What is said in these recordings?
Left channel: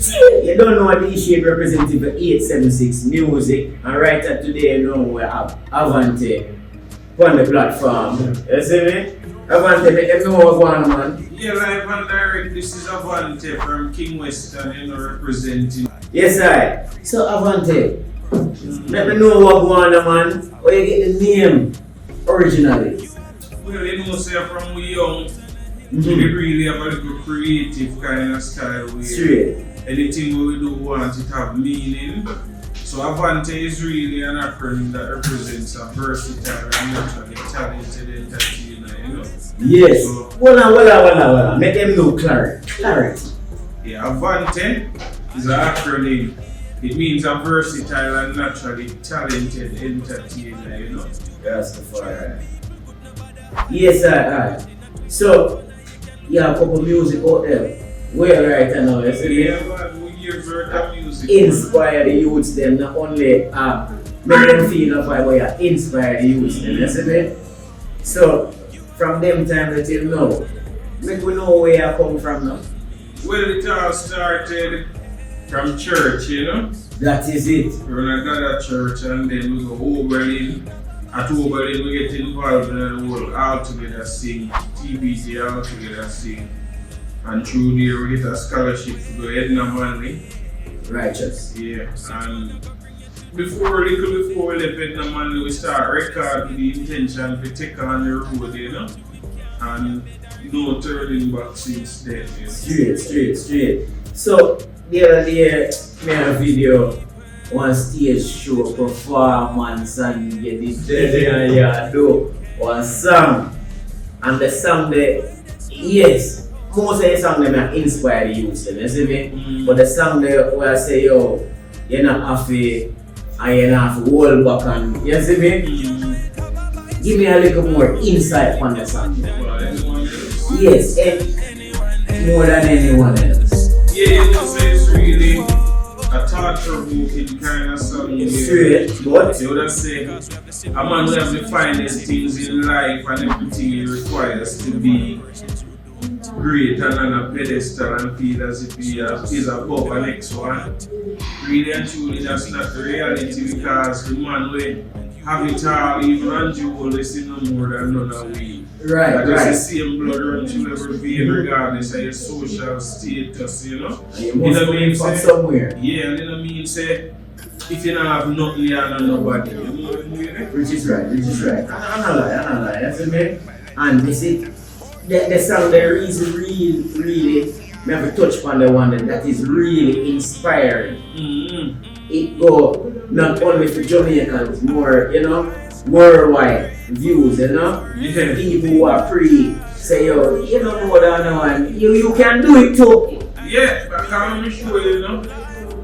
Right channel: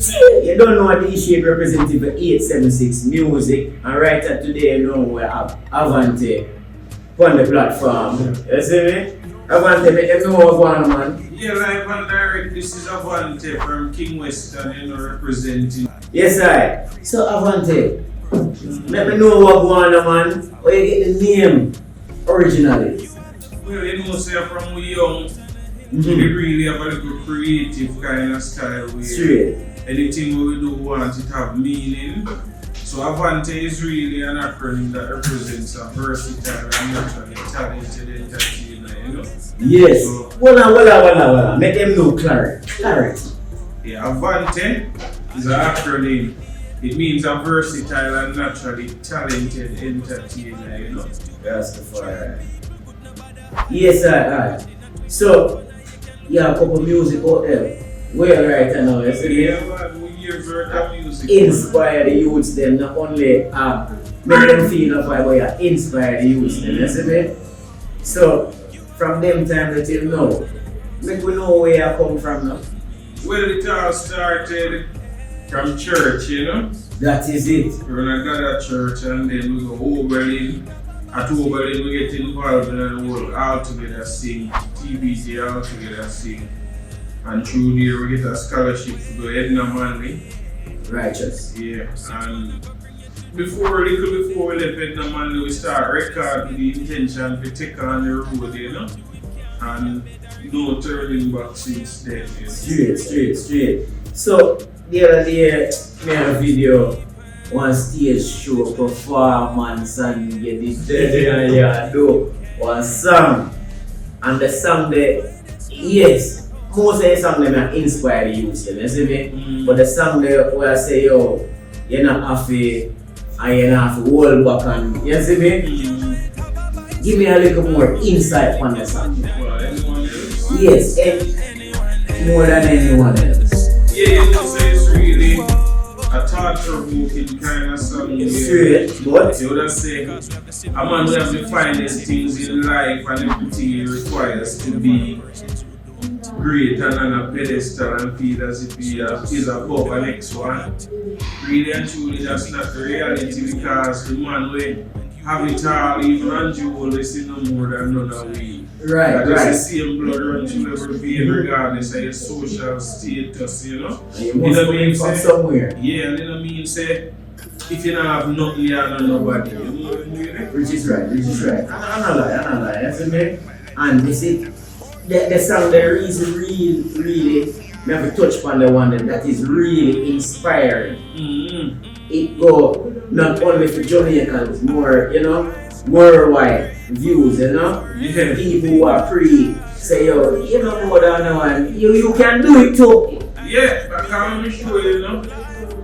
You don't know what the issue representative of 876 Music, and right at today, you know, we have Av&Nte on the platform. You see me? Av&Nte, make them know what's going on, man. Yeah, live and direct, this is Av&Nte from King Western, you know, representing. Yes, I. So, Av&Nte, let me know what's going on, man. Where you get the name originally? Well, you know, say from we young, we really have a good creative kind of style. Straight. Anything we do want it to have meaning. So Av&Nte is really an acronym that represents a versatile and naturally talented entertainer, you know? Yes. So, Well, make them know clarity. yeah, Av&Nte is an acronym. It means a versatile and naturally talented entertainer, you know? That's the fire. Yes, I. So, you have a couple of music out there. Well, right now, you see, inspire the youths, them not only make them feel fire, but you inspire the youths, them, you see. So, from them time that you know, make we know where you come from now. Well, it all started from church, you know? That is it. When I got at church and then we go over in. At Oberlin, we get involved in the whole all together sing, TBC all together sing. And through there we get a scholarship to go Edna Manley. Righteous. Yeah. And before we left Edna Manley, we start recording the intention to take on the road, you know. And no turning back since then. Yeah. Straight. So, the other day, me had a video. One stage show performance and get this and you do one song. And the song there, yes, most of the song they may inspire the youth, you see me? But the song there where I say, yo, you're not have to, and you're not have to hold back and, you see me? Give me a little more insight on the song. Yes, and more than anyone else. Yeah, you know, say it's really a thought-provoking kind of song. Straight, but you would say, a man who have the finest things in life and everything requires to be great and on a pedestal and feel as if he is above the next one. Really and truly, that's not the reality because the man will have it all, even and you always see no more than none of we. Right. The same blood run through every vein regardless of your social status, you know? You must come from somewhere. Yeah, and you know what I mean? Say, if you don't have nothing, you don't know nobody. Which is right. I know that. You see me? And you see, the song there is really, we have to touch upon the one that is really inspiring. It go not only for Jamaicans, more, you know, worldwide views, you know? Yeah. People who are free say, yo, you don't know that one, you can do it too. Yeah, I can't show you know.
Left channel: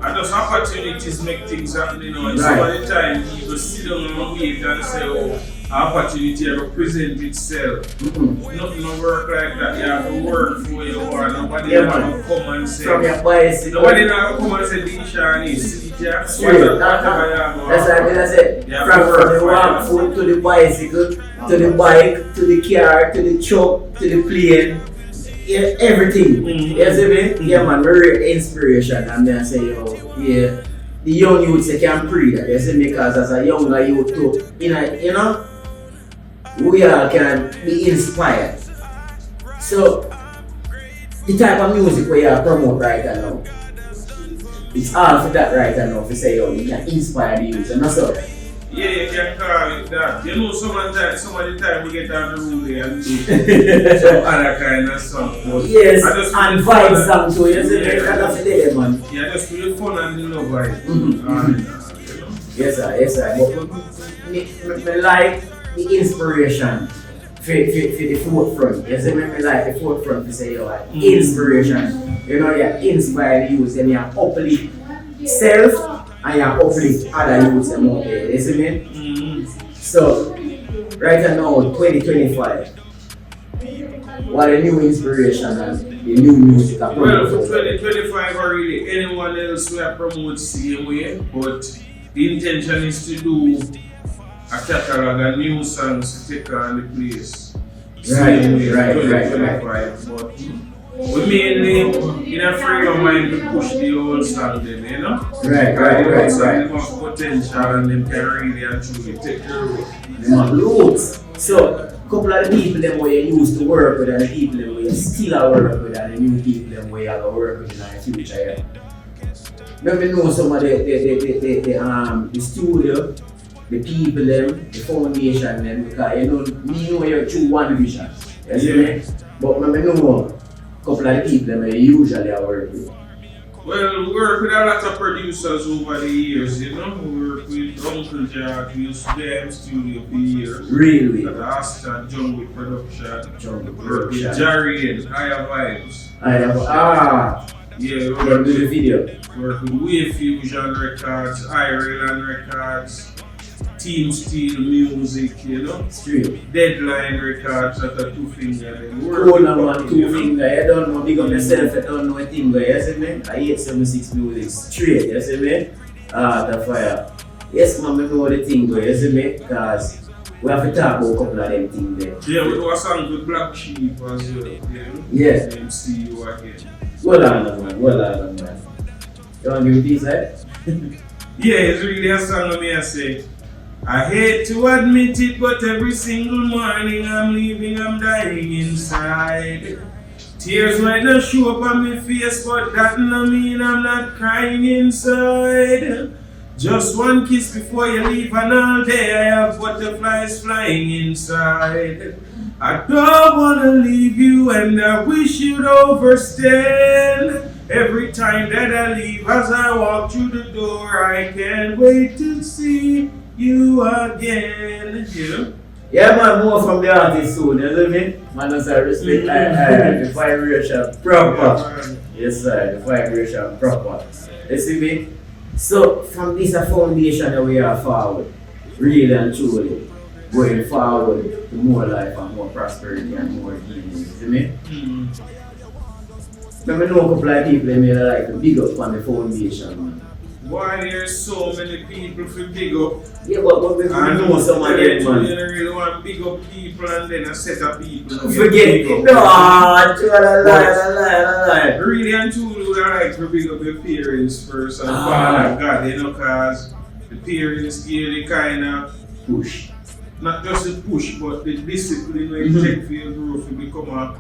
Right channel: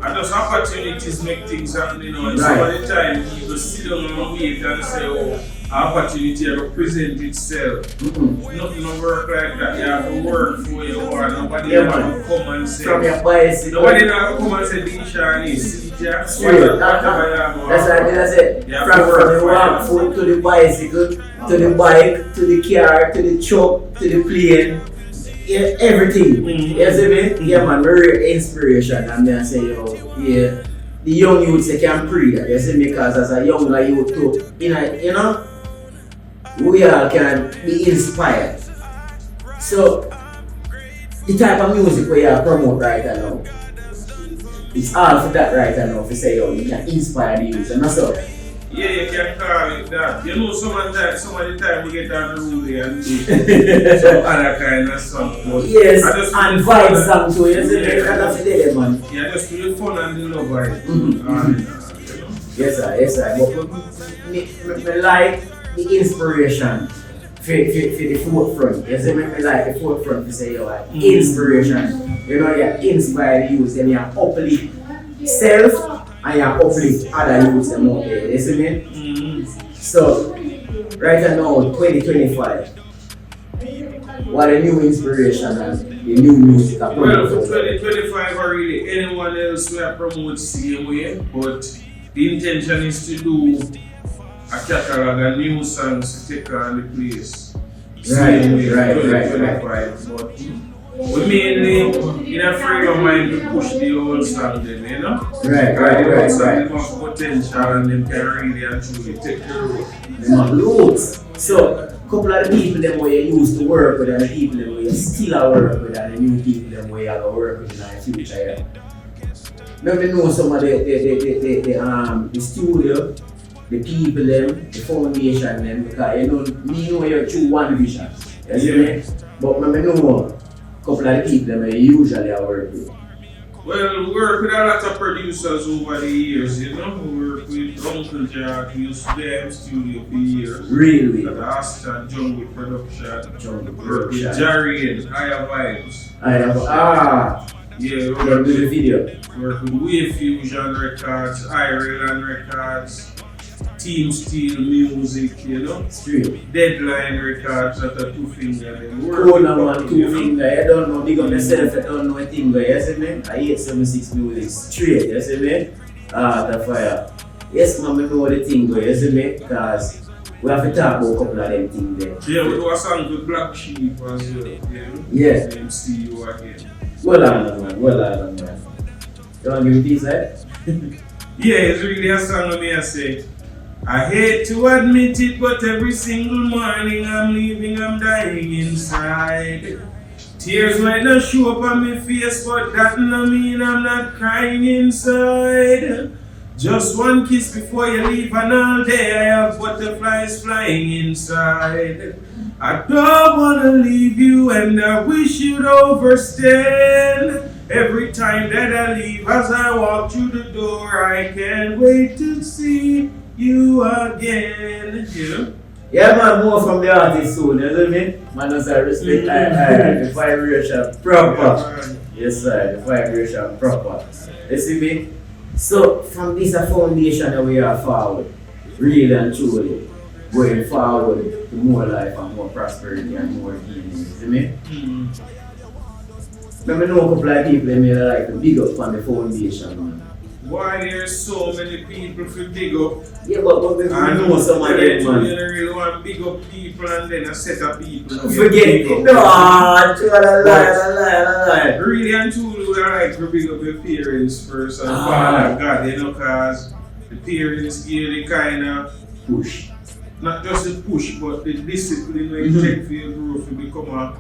And those opportunities make things happen, you know. And some of the time people sit down and wait and say, oh, opportunity will present itself. Nothing will work like that. You have to work for your work. Nobody will come and say. From your bicycle. Nobody will come and say, Dinshan is. That's what I said. From the walk foot to the bicycle, to the bike, to the car, to the truck, to the plane. Yeah, everything. You see me? Yeah, man, very inspiration. And then I say, yo, yeah, the young youths they can pray that. You see me? Because as a younger youth too, you know, we all can be inspired. So, the type of music we are promote right now, it's all for that right now. If you say, yo, you can inspire the youth, and that's all. Yeah, you can call it that. You know, some of the time we get on the road and do some other kind of stuff. Yes, and vibe song too. You see, that's the man. Yeah, just for the fun and the love, right? Yes, sir. But I like the inspiration for the forefront. You see, I like the forefront to say, yo, like, inspiration. You know, you inspire the youth and you uplift self. And you uplift other youths and more. You see me? So, right now, 2025, what a new inspiration and the new music approach. Well, for 2025, really anyone else will promote the same way, but the intention is to do a catalog of new songs to take on the place. Right. But we mainly, in a frame of mind, to push the old understanding, you know? Right. Them have potential and them can really and truly take care of it. Them have loads. So, couple of the people them where you used to work with and the people them where you still are work with and the new people them where you are going to work with in the future. Let me know some of the studio, the people them, the foundation them, because you know, me know you're through one vision. You see me? But let me know a couple of the people them where you usually are work with. Well, we work with a lot of producers over the years, you know. We work with Uncle Jack, we used to them studio for years. Really? Rasta, Jungle Production. Jungle Work with Production. Jerry and Higher Vibes. Yeah, we you work do the with, video. work with Wave Fusion Records, Ireland Records, Team Steel Music, you know. Straight. Deadline Records, that are two things that we work Cool with. now, man, two fingers. I don't know, big up yourself, I don't know a thing, you see me? 876MUZIK straight, you see me? The fire. Yes, man, I know the thing, you see me? Because we have to talk about a couple of them things there. Yeah, we do a song with Black Sheep as well. Yes. Let see you again. Well done, man. Well done, man. You want to give me peace, right? Yeah, it's really a song of me I say. I hate to admit it, but every single morning I'm leaving, I'm dying inside. Tears might not show up on my face, but that don't mean I'm not crying inside. Just one kiss before you leave, and all day I have butterflies flying inside. I don't wanna leave you, and I wish you'd overstand. Every time that I leave, as I walk through the door, I can't wait to see you again. You know? Yeah, man, more from the artist soon, you know me? Man, as I respect, the vibration proper. Yes, sir, the vibration proper. You see me? So, from this foundation that we are forward, really and truly, going forward to more life and more prosperity and more healing. You see me? Let me know a couple of people that may like to big up from the foundation, man. Why there's so many people to dig up? Yeah, but we I know some of them, You man. really want big up people and then a set of people. Forget it. No, you are lie. Really and truly, we like to big up the parents first and Father God, you know, because the parents give the kind of Push. not just the push, but the discipline that you take for your growth to become a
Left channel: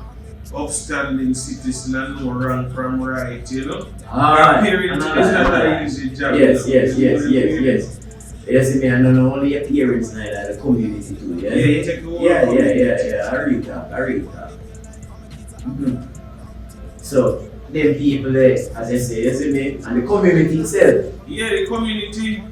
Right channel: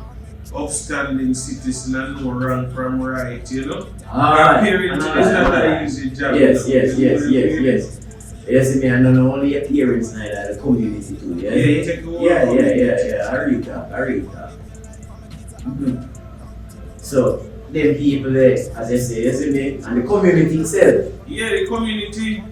upstanding citizen and know wrong from right, you know? Parents is not an easy job. Yes. Yes, me, and not only your parents, like the community too. Yeah, you take the Yeah. I read that. So, them people there, as I say, you see me, and the community itself. Yeah, the community,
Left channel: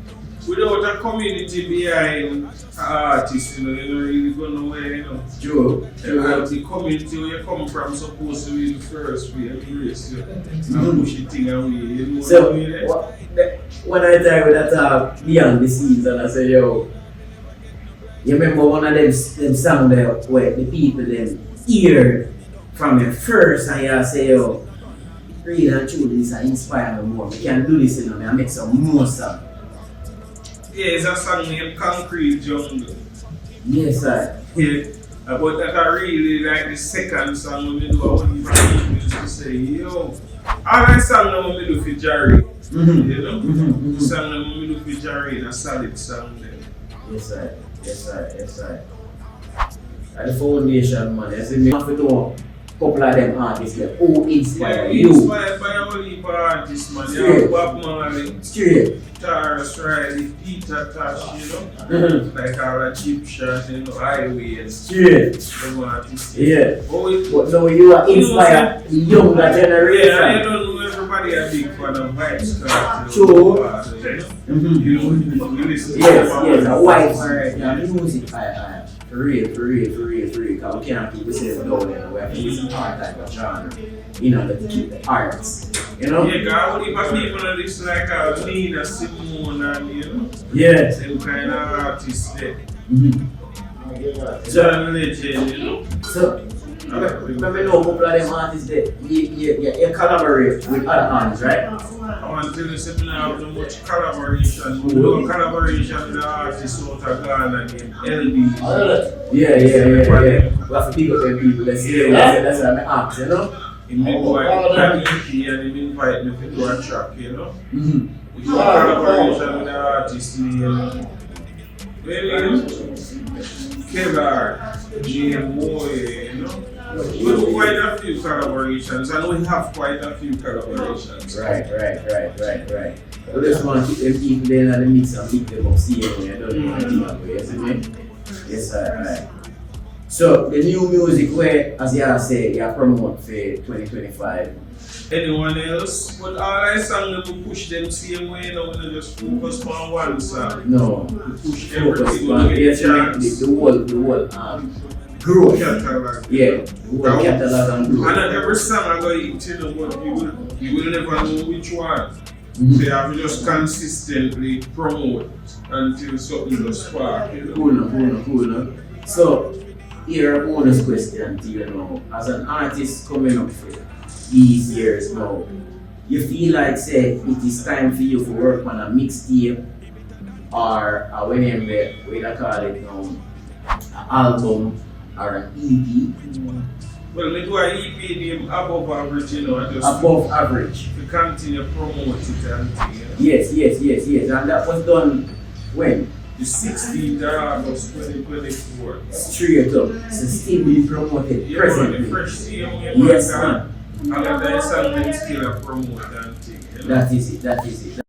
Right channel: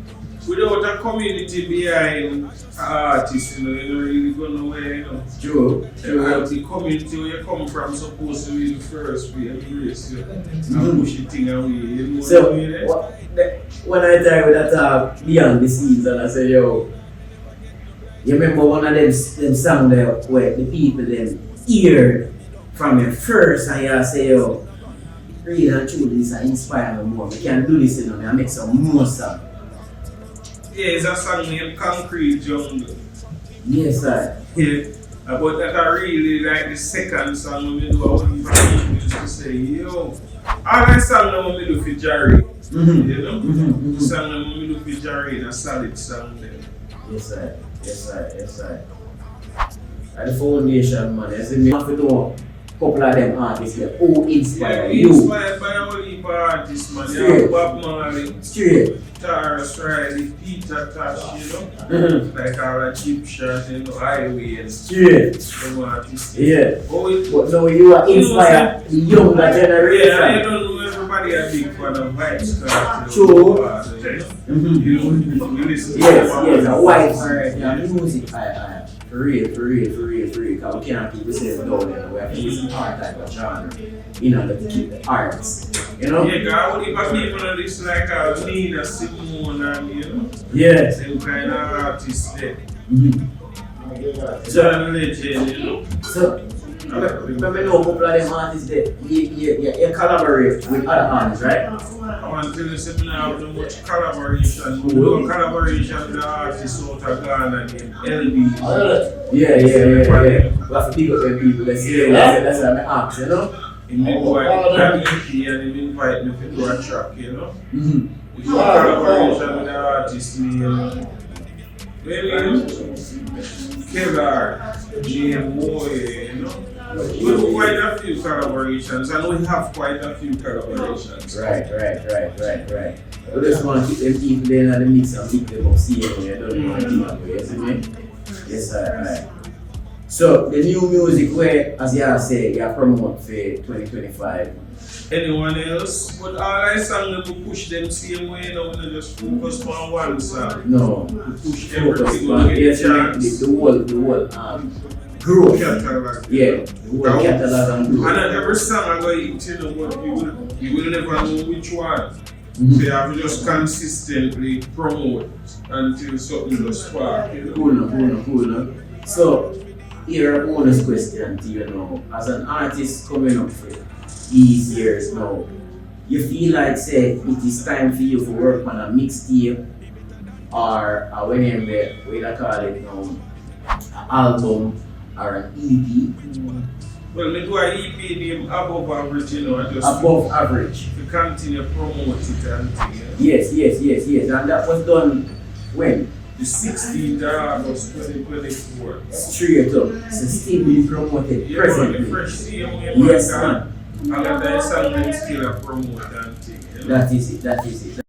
without a community behind artists, you know, you don't really go nowhere, you know. True. The community where you come from supposed to be the first way to embrace you and push the thing away, you know So, what I mean? when I tell you that beyond the scenes, and I say, yo, you remember one of them songs there where the people them hear from you first, and you say, yo, really and truly, this inspire me more. We can do this, you know, and make some more songs. Yeah, it's a song named Concrete Jungle. Yes, sir. Yeah, but that I really like the second song when we do what used to say, yo, all the song when we do for Jerry, you know? The song when we do for Jerry is a solid song there. Yes, sir. And the foundation, man, you see me have to know a couple of them artists here who inspire you. Inspired by all the artists, man. You have Bob Marley, Straight. Taras Riley, Peter Tosh, you know? Like all the cheap shots, you know, Highway and Straight. some artists. Yeah. Oh, But now you are inspired the younger yeah, I generation. don't know everybody a big fan of Vibes. True. You listen to Yes, a white music. For real. Because we can't keep ourselves down there. We have to listen to our type of genre. You know, to keep the arts. You know? Yeah, God, what if people on this like Nina Simone and, you know? Yeah. Same kind of artists there. So, Legend, you know? So, let me know a couple of them artists that you collaborate with other artists, right? I want to tell you something, I have no much collaboration. We do a collaboration with artists out of Ghana named LB. Yeah. We have to pick up them people that say, that's what I'm asking, you know? He make one EP and he invite me to do a track, you know. We do a collaboration with the artist named Killer, GM Boy, you know. We do quite a few collaborations and we have quite a few collaborations. Right. We just want to keep them people in the mix and keep them up, see them, you don't know anything about it, you see me? Yes, right. So, the new music where, as you say, you are promote for 2025. Anyone else? But all I sang them to push them same way, you know, we just focus on one song. No, We push focus everything on to get the whole growth. catalog. Yeah, the whole catalog and growth. And every song I go hit, you know, but you will never know which one. They have to just consistently promote until something just spark, you know. Cool. So, here a bonus question to you now. As an artist coming up for these years now, you feel like say it is time for you to work on a mixtape or whenever we call it now, an album or an EP? Well, we do an EP name above average, you know, and just Above average. to continue promote it and thing. Yes. And that was done when? The 16th of August 2024. Straight up. So still being promoted You know, presently. the first CM Yes, man. and then something still a promote and thing. You know? That is it.